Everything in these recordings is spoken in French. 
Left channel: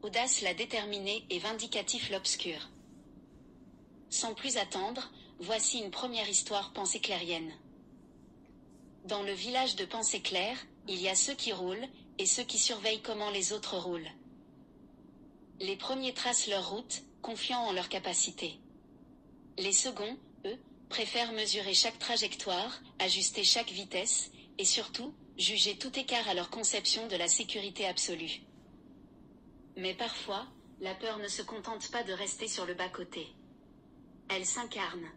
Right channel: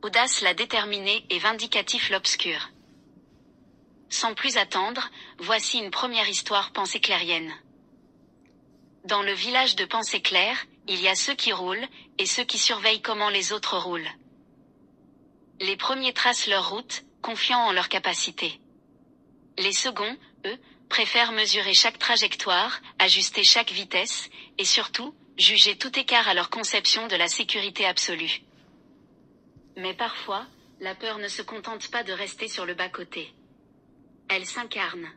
Audace la déterminée et vindicatif l'obscur. Sans plus attendre, voici une première histoire penséclairienne. Dans le village de Penséclair, il y a ceux qui roulent, et ceux qui surveillent comment les autres roulent. Les premiers tracent leur route, confiants en leur capacité. Les seconds, eux, préfèrent mesurer chaque trajectoire, ajuster chaque vitesse, et surtout, juger tout écart à leur conception de la sécurité absolue. Mais parfois, la peur ne se contente pas de rester sur le bas-côté. Elle s'incarne.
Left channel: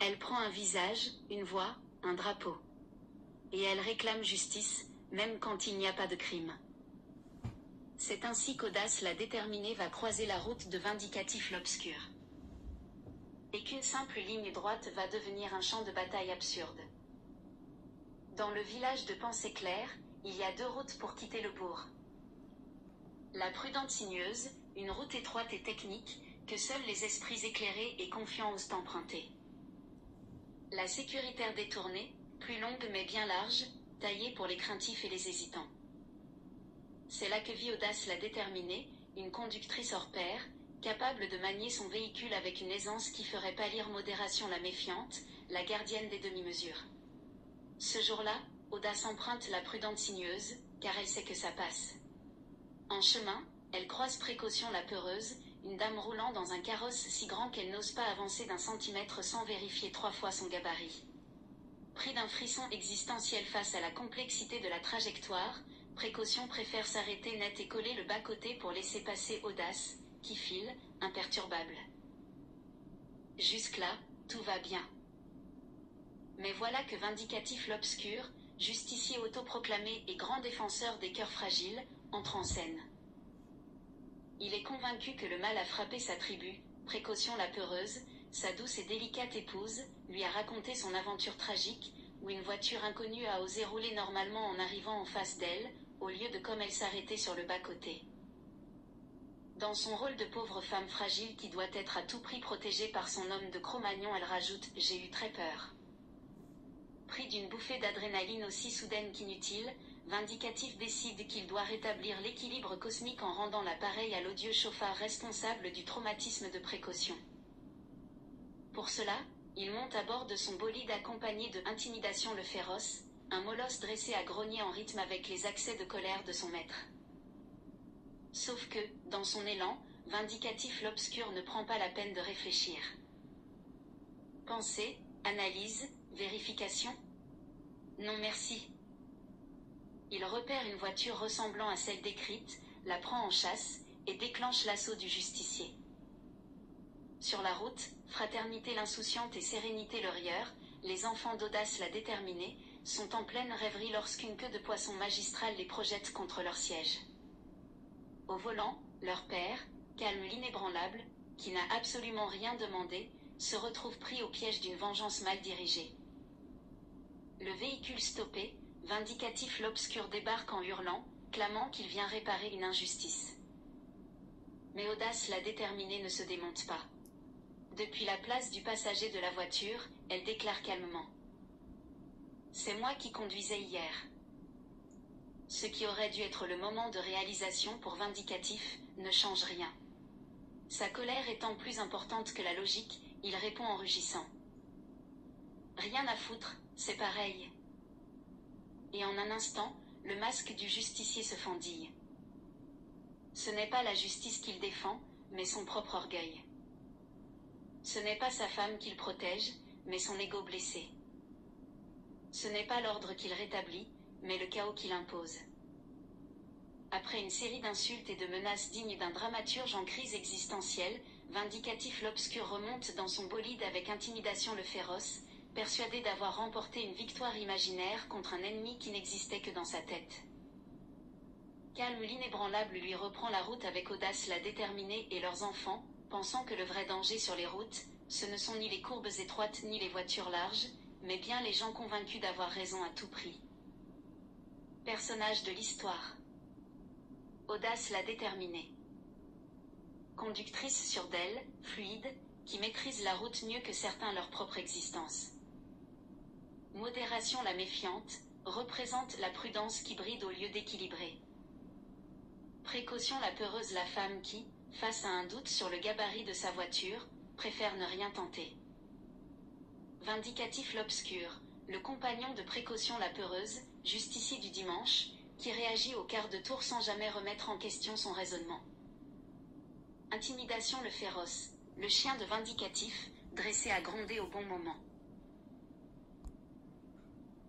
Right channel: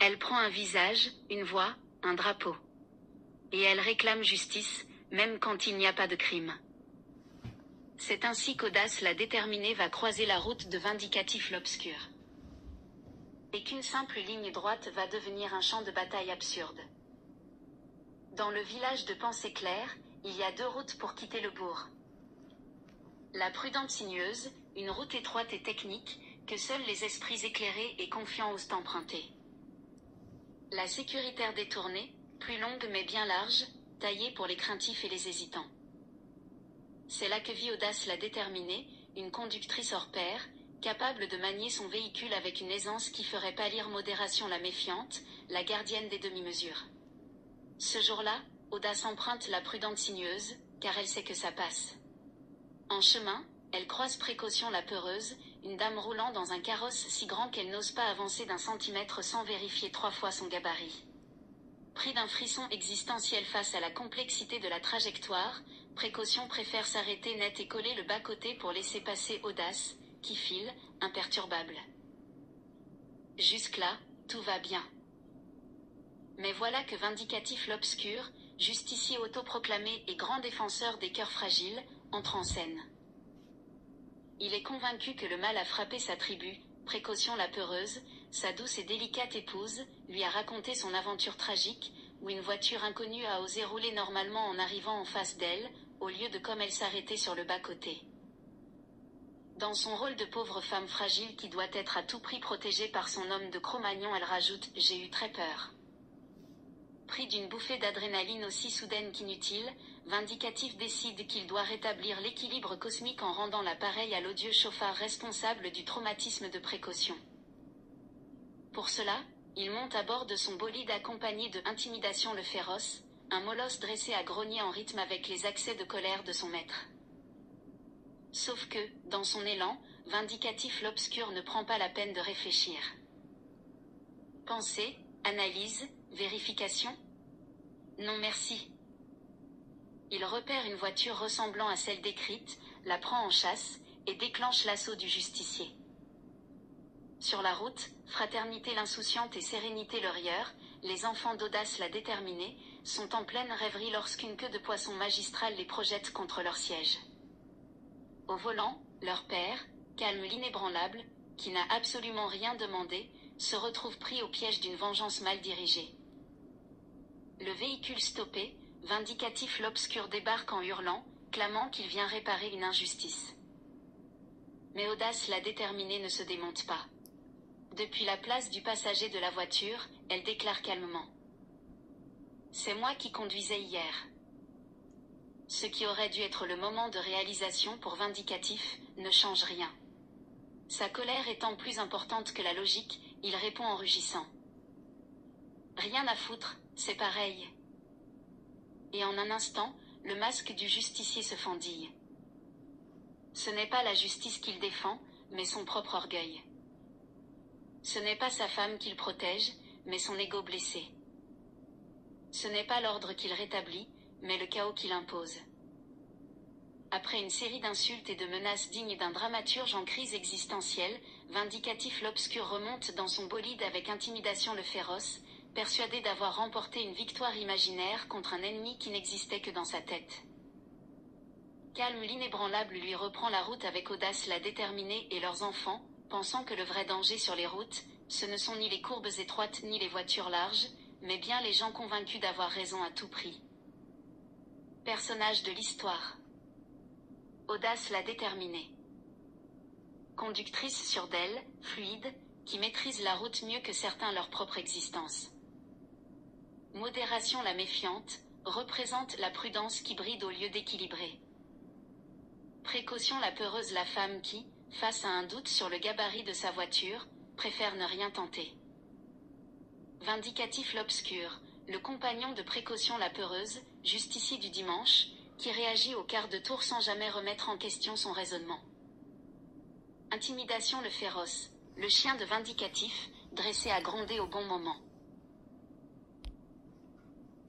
Elle prend un visage, une voix, un drapeau. Et elle réclame justice, même quand il n'y a pas de crime. C'est ainsi qu'Audace la déterminée va croiser la route de vindicatif l'obscur. Et qu'une simple ligne droite va devenir un champ de bataille absurde. Dans le village de Penséclair, il y a deux routes pour quitter le bourg. La prudente sinueuse, une route étroite et technique, que seuls les esprits éclairés et confiants osent emprunter. La sécuritaire détournée, plus longue mais bien large, taillée pour les craintifs et les hésitants. C'est là que vit Audace la déterminée, une conductrice hors pair, capable de manier son véhicule avec une aisance qui ferait pâlir modération la méfiante, la gardienne des demi-mesures. Ce jour-là, Audace emprunte la prudente sinueuse, car elle sait que ça passe. En chemin, elle croise précaution la peureuse, une dame roulant dans un carrosse si grand qu'elle n'ose pas avancer d'un centimètre sans vérifier 3 fois son gabarit. Pris d'un frisson existentiel face à la complexité de la trajectoire, précaution préfère s'arrêter net et coller le bas-côté pour laisser passer Audace, qui file, imperturbable. Jusque-là, tout va bien. Mais voilà que vindicatif l'obscur, justicier autoproclamé et grand défenseur des cœurs fragiles, entre en scène. Il est convaincu que le mal a frappé sa tribu, précaution la peureuse, sa douce et délicate épouse, lui a raconté son aventure tragique, où une voiture inconnue a osé rouler normalement en arrivant en face d'elle, au lieu de comme elle s'arrêter sur le bas-côté. Dans son rôle de pauvre femme fragile qui doit être à tout prix protégée par son homme de Cro-Magnon, elle rajoute « J'ai eu très peur ». Pris d'une bouffée d'adrénaline aussi soudaine qu'inutile, Vindicatif décide qu'il doit rétablir l'équilibre cosmique en rendant l'appareil à l'odieux chauffard responsable du traumatisme de précaution. Pour cela, il monte à bord de son bolide accompagné de Intimidation le féroce, un molosse dressé à grogner en rythme avec les accès de colère de son maître. Sauf que, dans son élan, Vindicatif l'obscur ne prend pas la peine de réfléchir. Pensée, analyse, vérification ? Non merci. Il repère une voiture ressemblant à celle décrite, la prend en chasse, et déclenche l'assaut du justicier. Sur la route, fraternité l'insouciante et sérénité le rieur, les enfants d'Audace la déterminée, sont en pleine rêverie lorsqu'une queue de poisson magistrale les projette contre leur siège. Au volant, leur père, calme l'inébranlable, qui n'a absolument rien demandé, se retrouve pris au piège d'une vengeance mal dirigée. Le véhicule stoppé, Vindicatif l'obscur débarque en hurlant, clamant qu'il vient réparer une injustice. Mais Audace la déterminée ne se démonte pas. Depuis la place du passager de la voiture, elle déclare calmement. « C'est moi qui conduisais hier. » Ce qui aurait dû être le moment de réalisation pour Vindicatif, ne change rien. Sa colère étant plus importante que la logique, il répond en rugissant. « Rien à foutre, c'est pareil. » Et en un instant, le masque du justicier se fendille. Ce n'est pas la justice qu'il défend, mais son propre orgueil. Ce n'est pas sa femme qu'il protège, mais son ego blessé. Ce n'est pas l'ordre qu'il rétablit, mais le chaos qu'il impose. Après une série d'insultes et de menaces dignes d'un dramaturge en crise existentielle, Vindicatif l'obscur remonte dans son bolide avec Intimidation le féroce, persuadé d'avoir remporté une victoire imaginaire contre un ennemi qui n'existait que dans sa tête. Calme l'inébranlable lui reprend la route avec Audace la déterminée et leurs enfants, pensant que le vrai danger sur les routes, ce ne sont ni les courbes étroites ni les voitures larges, mais bien les gens convaincus d'avoir raison à tout prix. Personnage de l'histoire. Audace la déterminée. Conductrice sur d'elle, fluide, qui maîtrise la route mieux que certains leur propre existence. Modération la méfiante, représente la prudence qui bride au lieu d'équilibrer. Précaution la peureuse, la femme qui, face à un doute sur le gabarit de sa voiture, préfère ne rien tenter. Vindicatif l'obscur, le compagnon de précaution la peureuse, justicier du dimanche, qui réagit au quart de tour sans jamais remettre en question son raisonnement. Intimidation le féroce, le chien de vindicatif, dressé à gronder au bon moment.